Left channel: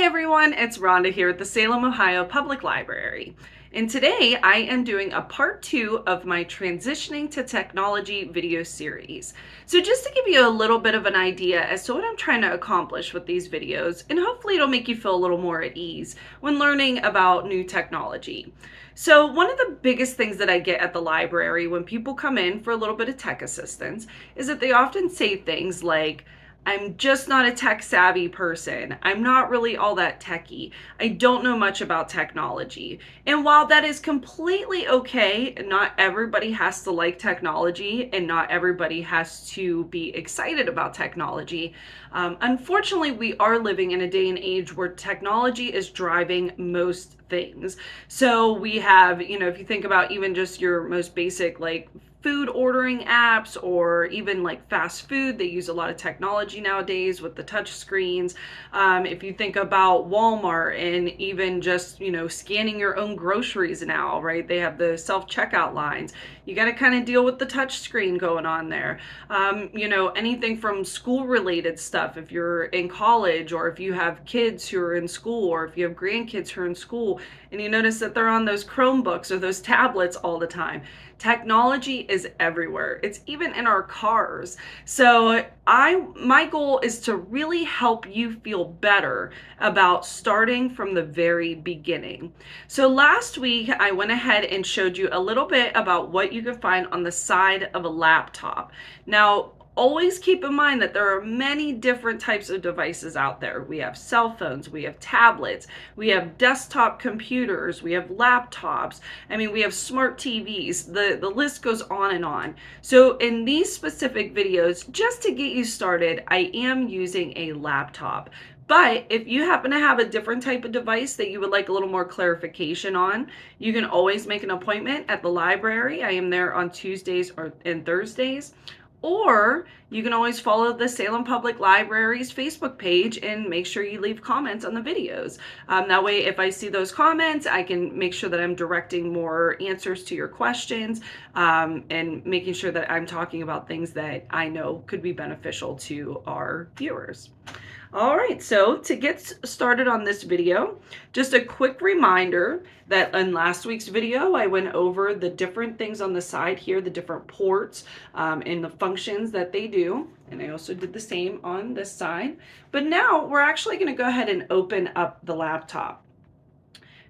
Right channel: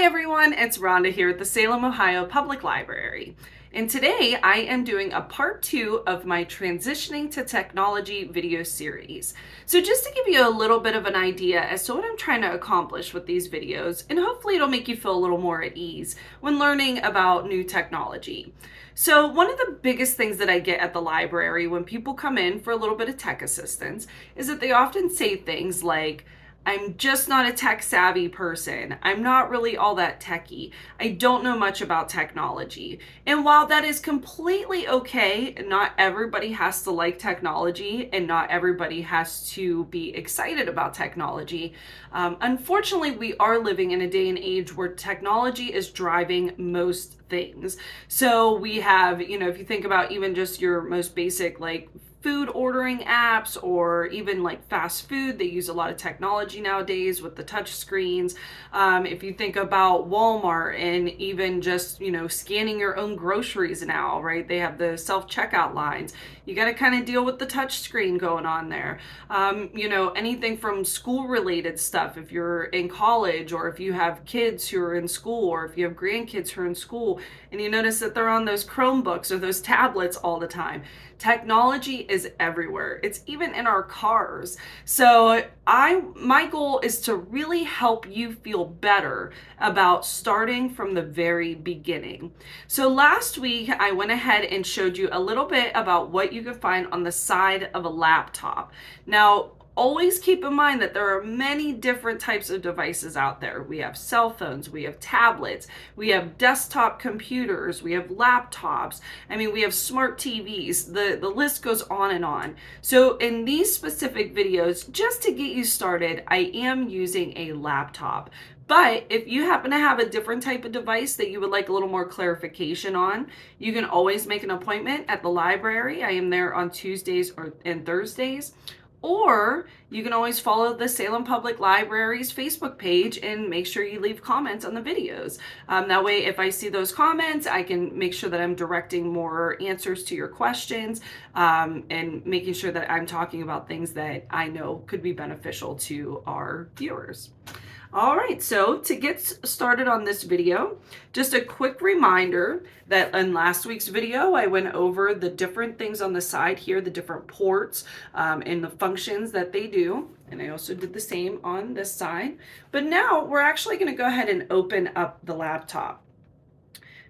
Hi everyone, it's Rhonda here at the Salem, Ohio Public Library. And today I am doing a part 2 of my Transitioning to Technology video series. So just to give you a little bit of an idea as to what I'm trying to accomplish with these videos, and hopefully it'll make you feel a little more at ease when learning about new technology. So one of the biggest things that I get at the library when people come in for a little bit of tech assistance is that they often say things like, I'm just not a tech savvy person. I'm not really all that techy. I don't know much about technology. And while that is completely okay, not everybody has to like technology and not everybody has to be excited about technology. Unfortunately, we are living in a day and age where technology is driving most things. So we have, if you think about even just your most basic like food ordering apps or even like fast food, they use a lot of technology nowadays with the touch screens. If you think about Walmart and even just scanning your own groceries now, right, they have the self-checkout lines. You got to kind of deal with the touch screen going on there. Anything from school related stuff, if you're in college or if you have kids who are in school or if you have grandkids who are in school and you notice that they're on those Chromebooks or those tablets all the time. Technology is everywhere. It's even in our cars. So my goal is to really help you feel better about starting from the very beginning. So last week I went ahead and showed you a little bit about what you can find on the side of a laptop. Now, always keep in mind that there are many different types of devices out there. We have cell phones, we have tablets, we have desktop computers, we have laptops. We have smart TVs. The list goes on and on. So in these specific videos, just to get you started, I am using a laptop. But if you happen to have a different type of device that you would like a little more clarification on, you can always make an appointment at the library. I am there on Tuesdays and Thursdays. Or you can always follow the Salem Public Library's Facebook page and make sure you leave comments on the videos. That way, if I see those comments, I can make sure that I'm directing more answers to your questions and making sure that I'm talking about things that I know could be beneficial to our viewers. All right, so to get started on this video, just a quick reminder that in last week's video, I went over the different things on the side here, the different ports and the functions that they do. And I also did the same on this side. But now we're actually gonna go ahead and open up the laptop.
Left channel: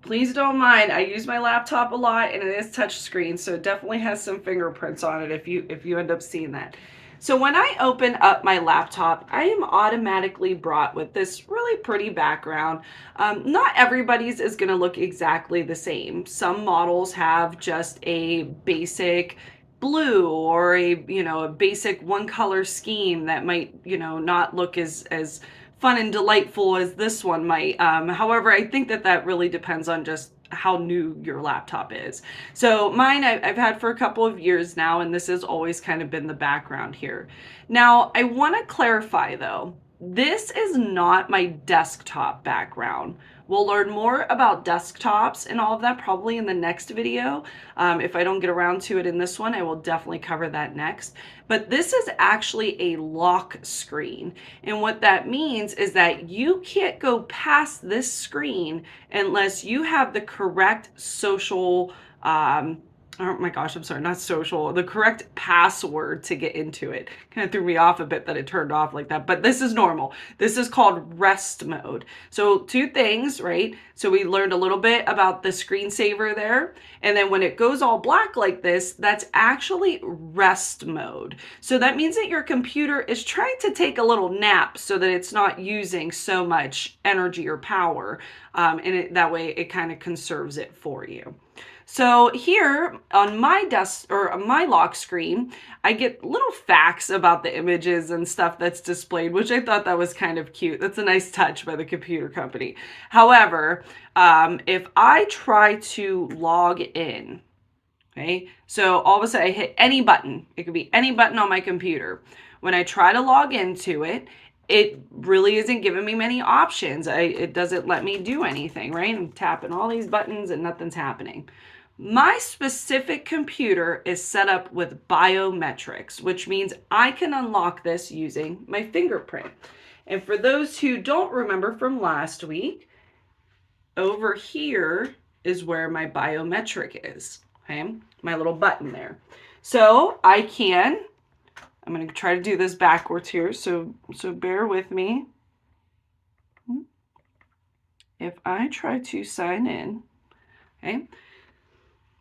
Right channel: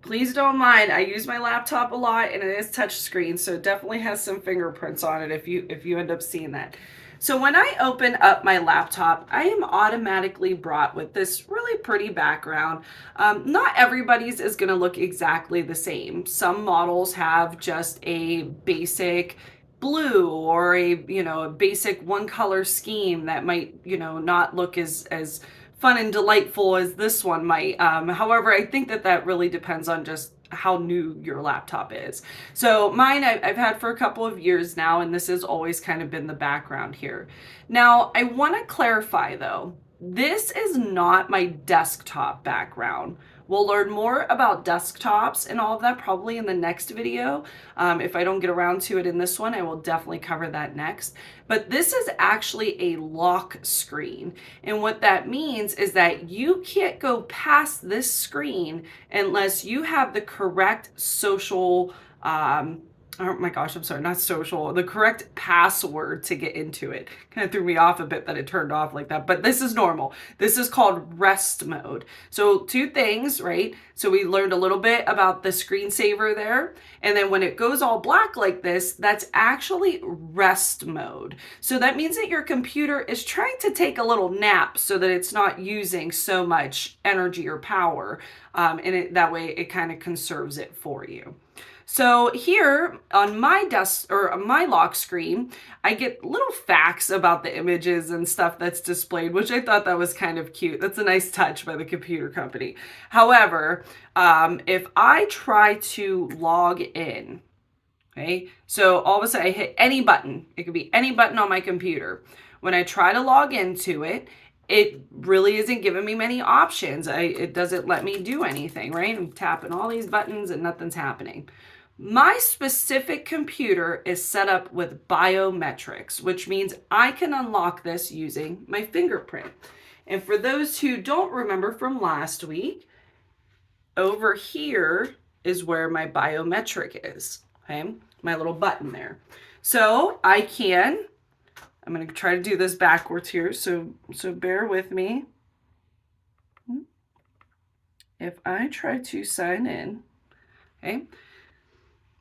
Please don't mind, I use my laptop a lot and it is touch screen, so it definitely has some fingerprints on it if you end up seeing that. So when I open up my laptop, I am automatically brought with this really pretty background. Not everybody's is gonna look exactly the same. Some models have just a basic blue or a basic one color scheme that might not look as fun and delightful as this one might. However, I think that really depends on just how new your laptop is. So mine I've had for a couple of years now, and this has always kind of been the background here. Now, I want to clarify though, this is not my desktop background. We'll learn more about desktops and all of that probably in the next video. If I don't get around to it in this one, I will definitely cover that next. But this is actually a lock screen. And what that means is that you can't go past this screen unless you have the correct social, oh my gosh, I'm sorry, not social, the correct password to get into it. Kind of threw me off a bit that it turned off like that, but this is normal. This is called rest mode. So two things, right? So we learned a little bit about the screensaver there. And then when it goes all black like this, that's actually rest mode. So that means that your computer is trying to take a little nap so that it's not using so much energy or power. That way it kind of conserves it for you. So here on my my lock screen, I get little facts about the images and stuff that's displayed, which I thought that was kind of cute. That's a nice touch by the computer company. However, if I try to log in, okay, so all of a sudden I hit any button. It could be any button on my computer. When I try to log into it, it really isn't giving me many options. It doesn't let me do anything, right? I'm tapping all these buttons and nothing's happening. My specific computer is set up with biometrics, which means I can unlock this using my fingerprint. And for those who don't remember from last week, over here is where my biometric is, okay? My little button there. So I'm going to try to do this backwards here, so bear with me. If I try to sign in, okay?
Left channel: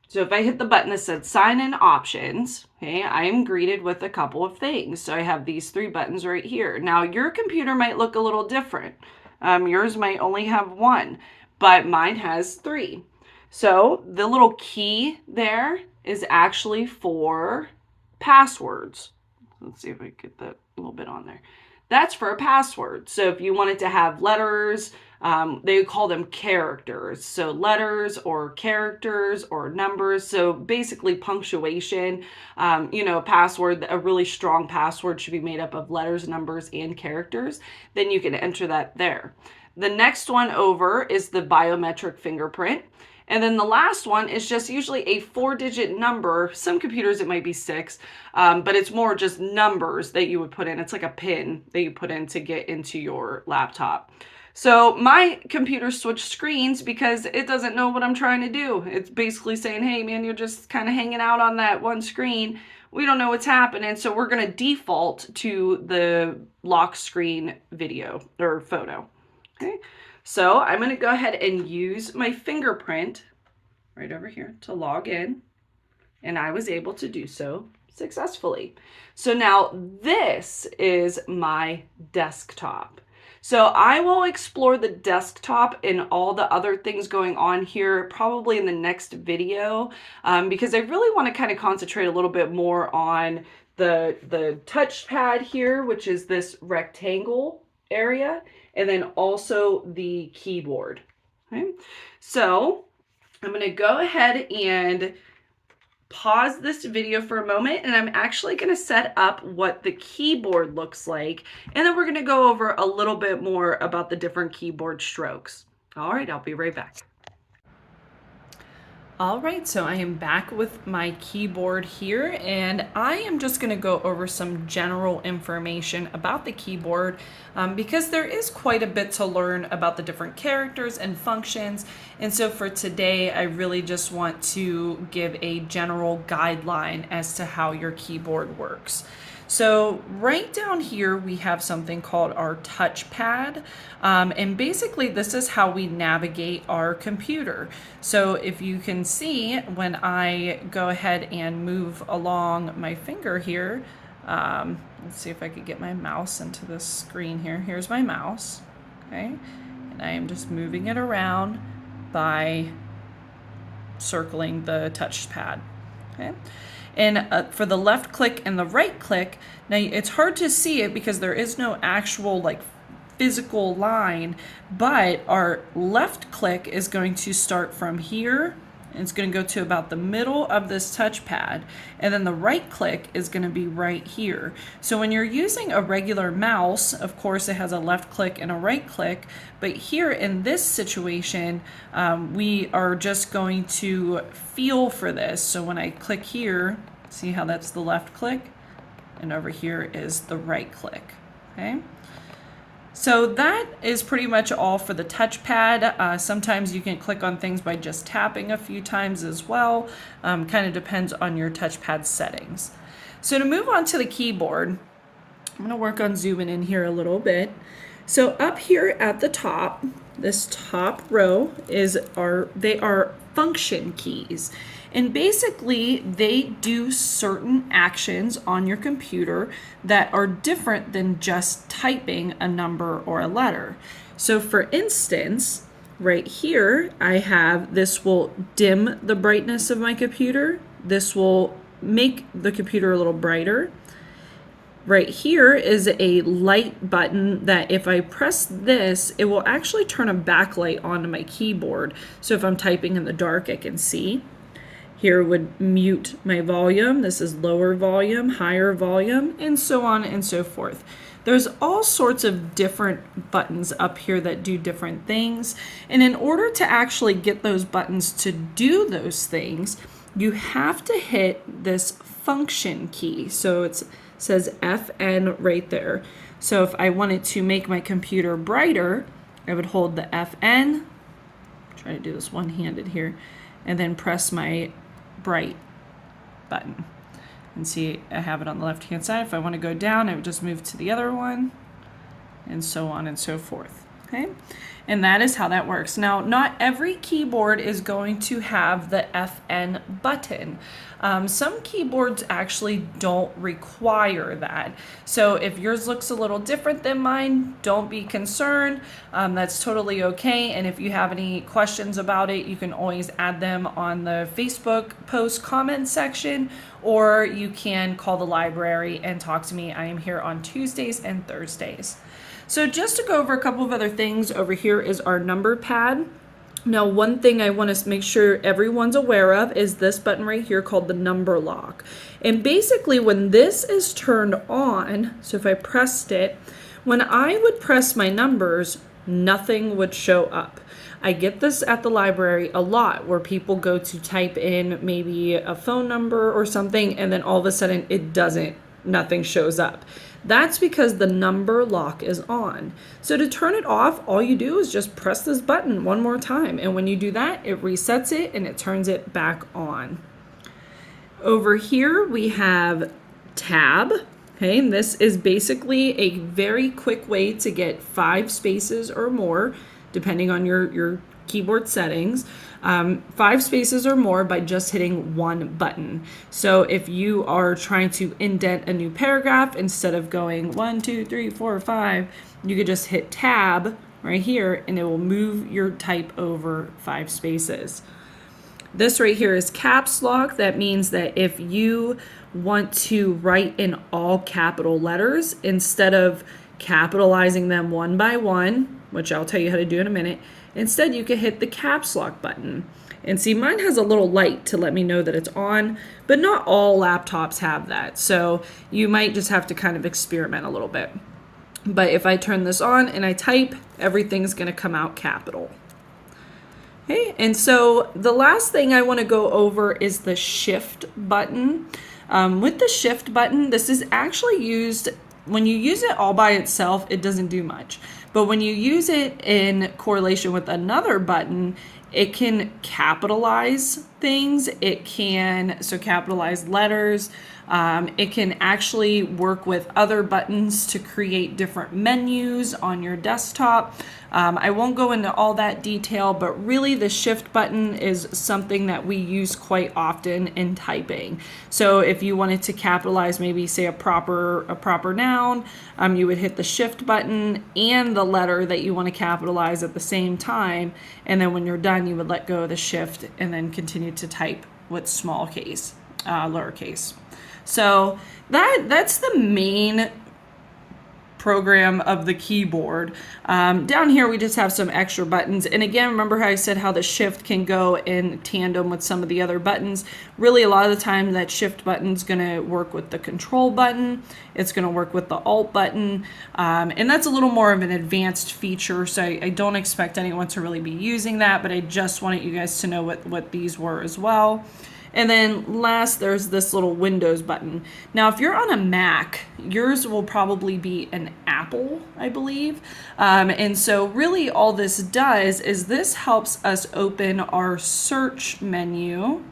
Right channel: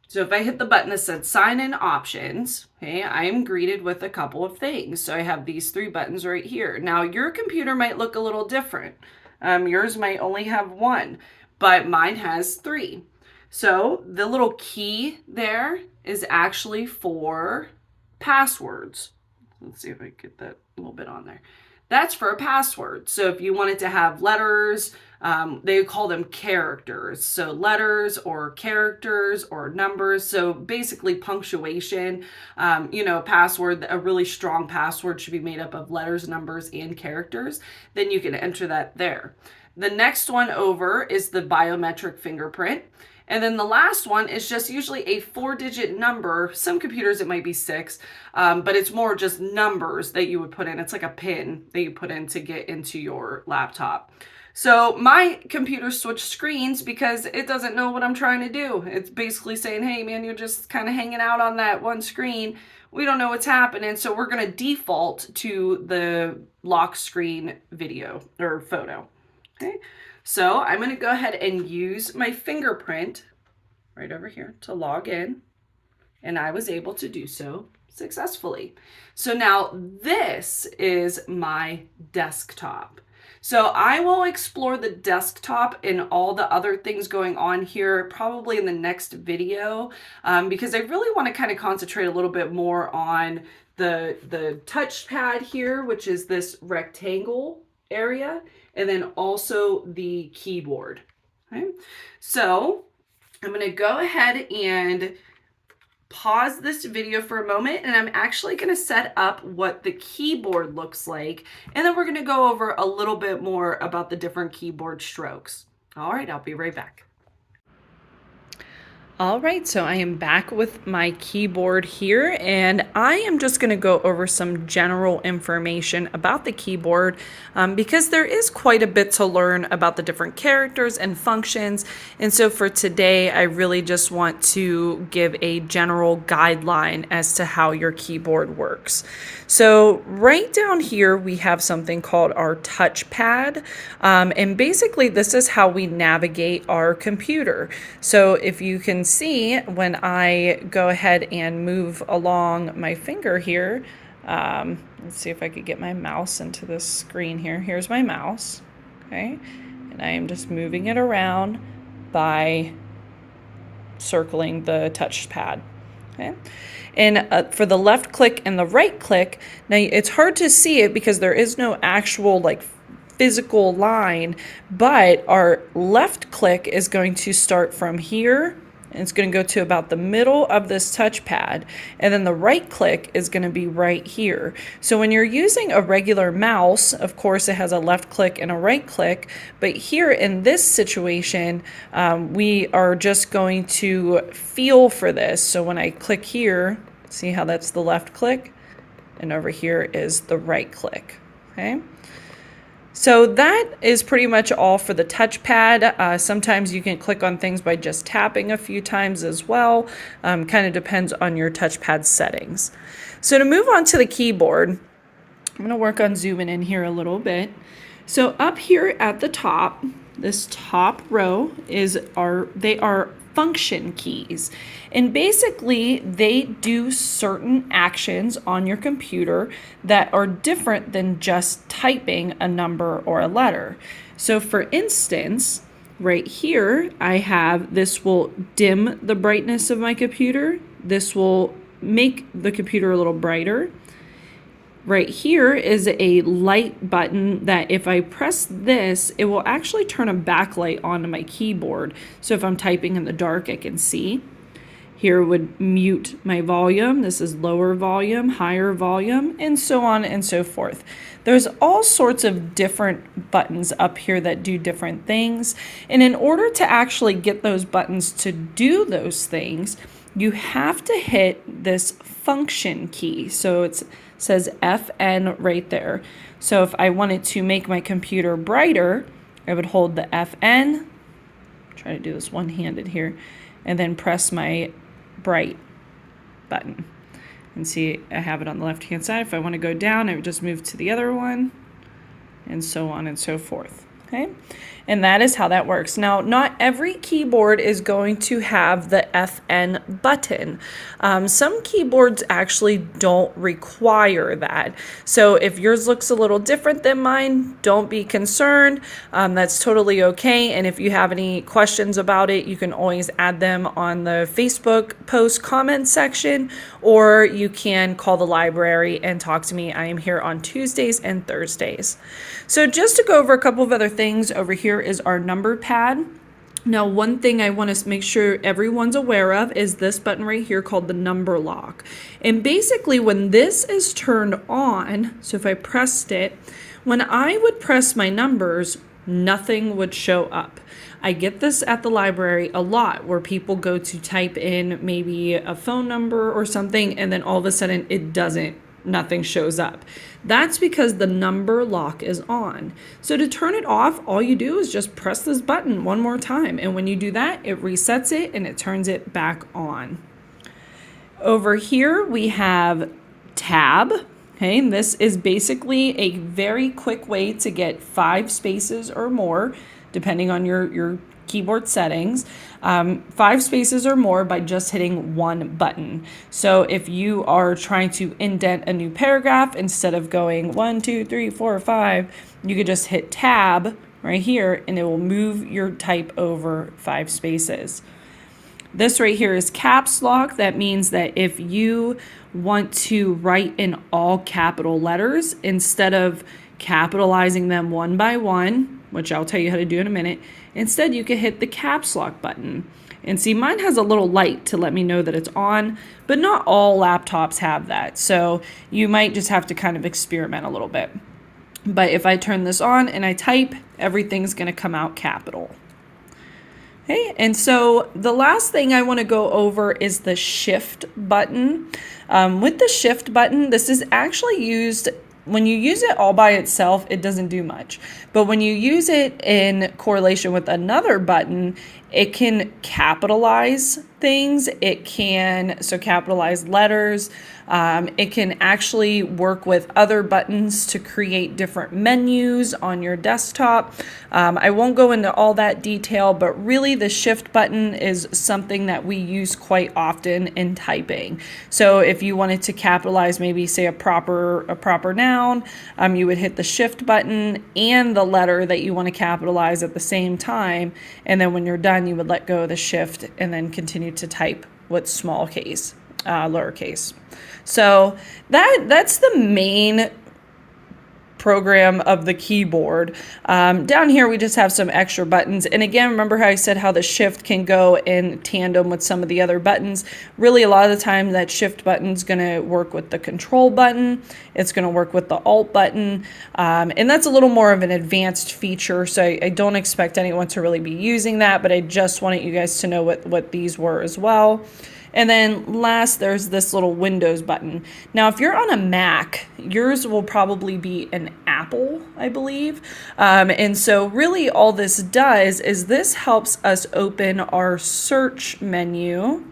So if I hit the button that said sign in options, okay, I am greeted with a couple of things. So I have these 3 buttons right here. Now your computer might look a little different. Yours might only have 1, but mine has 3. So the little key there is actually for passwords. Let's see if I can get that a little bit on there. That's for a password. So if you wanted to have letters, they call them characters. So letters or characters or numbers. So basically punctuation. A password, a really strong password should be made up of letters, numbers, and characters. Then you can enter that there. The next one over is the biometric fingerprint. And then the last one is just usually a 4-digit number. Some computers it might be 6, but it's more just numbers that you would put in. It's like a PIN that you put in to get into your laptop. So my computer switched screens because it doesn't know what I'm trying to do. It's basically saying, hey man, you're just kind of hanging out on that one screen. We don't know what's happening. So we're going to default to the lock screen video or photo. Okay. So I'm going to go ahead and use my fingerprint right over here to log in. And I was able to do so successfully. So now this is my desktop. So I will explore the desktop and all the other things going on here probably in the next video because I really want to kind of concentrate a little bit more on the touchpad here, which is this rectangle area, and then also the keyboard. Okay, so I'm going to go ahead and pause this video for a moment, and I'm actually going to set up what the keyboard looks like, and then we're going to go over a little bit more about the different keyboard strokes. All right, I'll be right back. All right, so I am back with my keyboard here, and I am just going to go over some general information about the keyboard because there is quite a bit to learn about the different characters and functions. And so for today, I really just want to give a general guideline as to how your keyboard works. So right down here, we have something called our touchpad. And basically this is how we navigate our computer. So if you can see when I go ahead and move along my finger here, let's see if I could get my mouse into this screen here. Here's my mouse, okay? And I am just moving it around by circling the touchpad, okay? And for the left click and the right click, now it's hard to see it because there is no actual like physical line, but our left click is going to start from here. And it's going to go to about the middle of this touchpad, and then the right click is going to be right here. So when you're using a regular mouse, of course it has a left click and a right click, but here in this situation, we are just going to feel for this. So when I click here, see how that's the left click, and over here is the right click, okay? So that is pretty much all for the touchpad. Sometimes you can click on things by just tapping a few times as well. Kind of depends on your touchpad settings. So to move on to the keyboard, I'm going to work on zooming in here a little bit. So up here at the top, this top row they are function keys. And basically, they do certain actions on your computer that are different than just typing a number or a letter. So for instance, right here, I have this will dim the brightness of my computer. This will make the computer a little brighter. Right here is a light button that if I press this, it will actually turn a backlight onto my keyboard. So if I'm typing in the dark, I can see. Here would mute my volume. This is lower volume, higher volume, and so on and so forth. There's all sorts of different buttons up here that do different things. And in order to actually get those buttons to do those things, you have to hit this function key. So it says FN right there. So if I wanted to make my computer brighter, I would hold the FN, try to do this one-handed here, and then press my bright button. And see, I have it on the left-hand side. If I want to go down, I would just move to the other one, and so on and so forth. Okay? And that is how that works. Now, not every keyboard is going to have the FN button. Some keyboards actually don't require that. So if yours looks a little different than mine, don't be concerned. That's totally okay. And if you have any questions about it, you can always add them on the Facebook post comment section, or you can call the library and talk to me. I am here on Tuesdays and Thursdays. So just to go over a couple of other things, over here is our number pad. Now, one thing I want to make sure everyone's aware of is this button right here called the number lock. And basically when this is turned on, so if I pressed it, when I would press my numbers, nothing would show up. I get this at the library a lot where people go to type in maybe a phone number or something, and then all of a sudden nothing shows up. That's because the number lock is on. So to turn it off, all you do is just press this button one more time. And when you do that, it resets it and it turns it back on. Over here, we have tab. Okay, and this is basically a very quick way to get 5 spaces or more, depending on your keyboard settings. 5 spaces or more by just hitting one button. So if you are trying to indent a new paragraph, instead of going 1, 2, 3, 4, 5, you could just hit tab right here and it will move your type over 5 spaces. This right here is caps lock. That means that if you want to write in all capital letters, instead of capitalizing them one by one, which I'll tell you how to do in a minute, instead you can hit the caps lock button. And see, mine has a little light to let me know that it's on, but not all laptops have that. So you might just have to kind of experiment a little bit. But if I turn this on and I type, everything's going to come out capital. Okay, and so the last thing I want to go over is the shift button. With the shift button, this is actually used, when you use it all by itself, it doesn't do much. But when you use it in correlation with another button, it can capitalize things. It can capitalize letters. It can actually work with other buttons to create different menus on your desktop. I won't go into all that detail, but really the shift button is something that we use quite often in typing. So if you wanted to capitalize maybe say a proper noun, you would hit the shift button and the letter that you want to capitalize at the same time. And then when you're done, you would let go of the shift and then continue to type with small case, lowercase. So that's the main program of the keyboard. Down here we just have some extra buttons, and again, remember how I said how the shift can go in tandem with some of the other buttons. Really, a lot of the time that shift button is going to work with the control button, it's going to work with the alt button, and that's a little more of an advanced feature, so I don't expect anyone to really be using that, but I just wanted you guys to know what these were as well. And then last, there's this little Windows button. Now, if you're on a Mac, yours will probably be an Apple, I believe. And so really all this does is this helps us open our search menu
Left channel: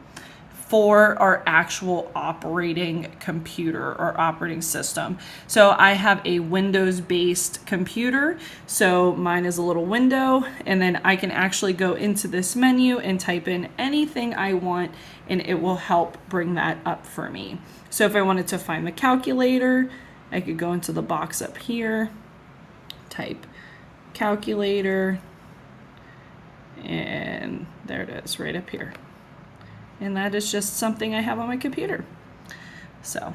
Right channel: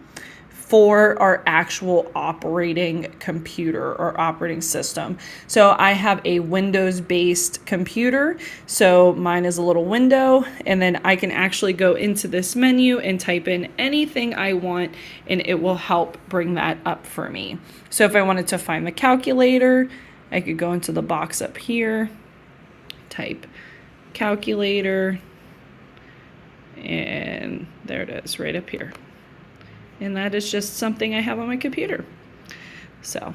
for our actual operating computer or operating system. So I have a Windows-based computer, so mine is a little window, and then I can actually go into this menu and type in anything I want, and it will help bring that up for me. So if I wanted to find the calculator, I could go into the box up here, type calculator, and there it is right up here. And that is just something I have on my computer. So,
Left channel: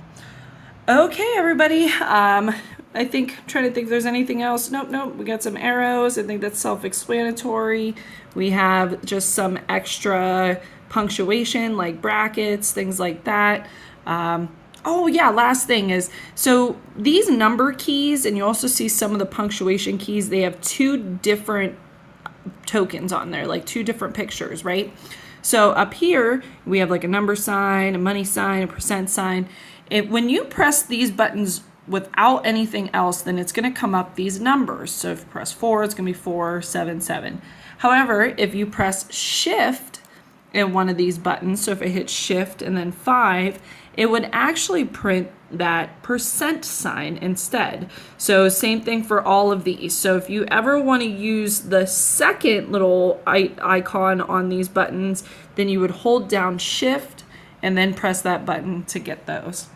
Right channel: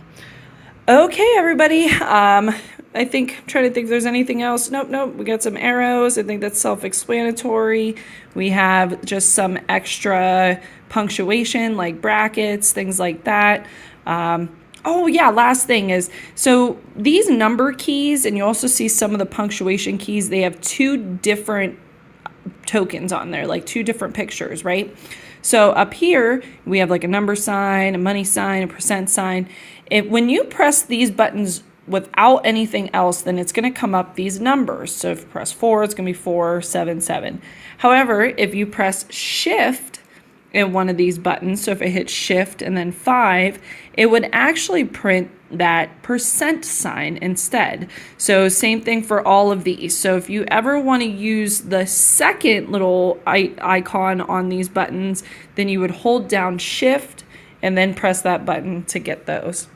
okay, everybody. I think, I'm trying to think if there's anything else. Nope. We got some arrows. I think that's self-explanatory. We have just some extra punctuation, like brackets, things like that. Oh yeah, last thing is, so these number keys, and you also see some of the punctuation keys, they have 2 different tokens on there, like 2 different pictures, right? So up here, we have like a number sign, a money sign, a percent sign. When you press these buttons without anything else, then it's going to come up these numbers. So if you press 4, it's going to be 477. However, if you press shift in one of these buttons, so if it hits shift and then 5, it would actually print that percent sign instead. So same thing for all of these. So if you ever want to use the second little icon on these buttons, then you would hold down shift and then press that button to get those.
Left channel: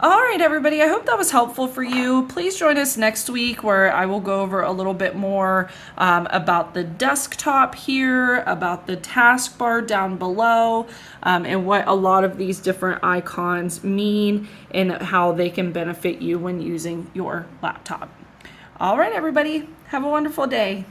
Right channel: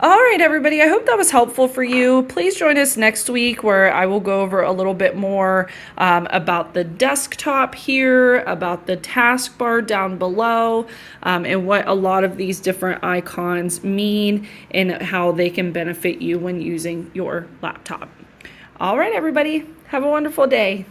All right, everybody, I hope that was helpful for you. Please join us next week where I will go over a little bit more about the desktop here, about the taskbar down below, and what a lot of these different icons mean and how they can benefit you when using your laptop. All right, everybody, have a wonderful day.